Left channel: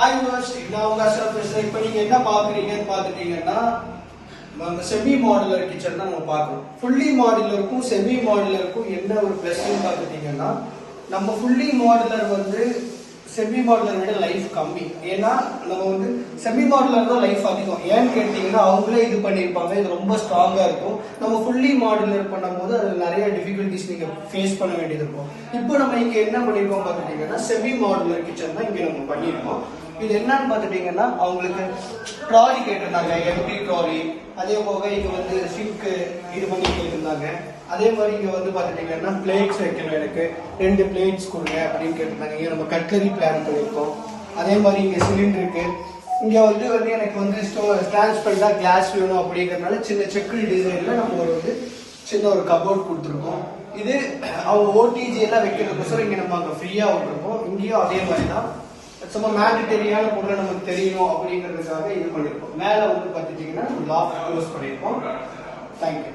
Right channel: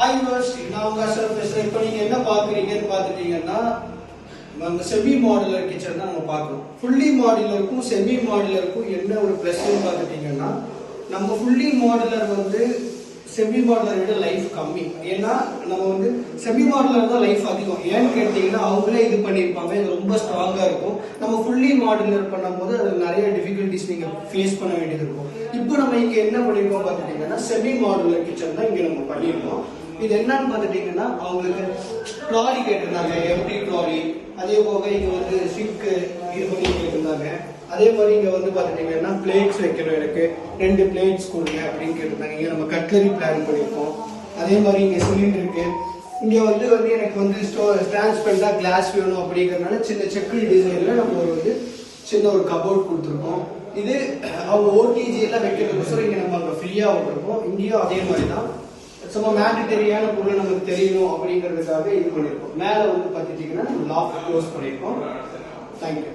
Hi universe, நான் உங்க அசல் பேசுறேன். இப்போ நீங்க என்ன பாக்குறீங்கன்னு பாத்துட்டீங்கன்னா, செமி மாடுலர் கிச்சன் தான் நம்ம பார்க்கணும். ஃபுல்லி மாடுலருக்கும் செமி மாடுலருக்கும் என்ன ஒரு பிளஸ் பாத்துட்டீங்கன்னா, நம்ம ஃபுல்லி மாடுலர் வந்து செமி மாடுலர் விட லைஃப் கம்மி. ஏன்னா நம்ம வந்து செமி மாடுலர் தான் லைஃப் அதிகம். ஏன்னு கேட்டீங்கன்னா, அவங்களே இது பண்ணிருப்பாங்க, இது ரொம்ப ஸ்ட்ராங்கா இருக்கும். நம்ம ஃபுல்லி மாடுலர் பண்ணும்போது அது நிறைய டிஃபிகல்டிஸ் நீங்க ஃபேஸ் பண்ண வேண்டியது இருக்கும். இப்போ நம்ம இங்க என்ன பண்ணிருக்கோம் பாத்துட்டீங்கன்னா, செமி மாடுலர் கிச்சன் தான் இங்க நம்ம பண்ணிருக்கோம். இது என்னன்னு பாத்துட்டீங்கன்னா, அவங்களுக்கு ட்ராலி கேட்டிருந்தாங்க, எம்டி ட்ராலி. அதே போக இங்க வந்து சிங்க் இது பண்ணி கேட்டிருந்தாங்க. அதே மாதிரி இங்க வந்து பாத்துட்டீங்கன்னா பிளேட்ஸ் வைக்கணும், இருக்கு 2 பிளேட்ஸ் கொடுங்க அப்படின்னு கேட்டிருந்தாங்க. இங்க நம்ம கட்லரி பிளான் பண்ணிருக்கோம். அதே மாதிரி இங்க சிலிண்டர் இருக்கு. இங்க வந்து எனக்கு வந்து டிரான்ஸ்பரண்டா கிளாஸ் வேணும் அப்படிங்கறதுனால சின்ன செக்கு டிசைன்ல நம்ம வந்து சின்ன ஒரு கபோர்ட் கொடுத்துருக்கோம். இது அவங்க ஓடிஜி எல்லாம் வைக்கிறதுக்கு இங்க நம்ம அங்க ஃப்ரீயா விட்டுருக்கோம். இங்கேயும் அதே மாதிரி தான் சும்மா மேண்டட்டரியான பொருளை நமக்கு தெரியணும் அப்படிங்கிறதுக்காக இது பண்ணிருக்கோம். மேல வந்து பாத்துட்டீங்கன்னா லாக் க்ளோஸ் பண்ணிருக்கோம். தேங்க்யூ.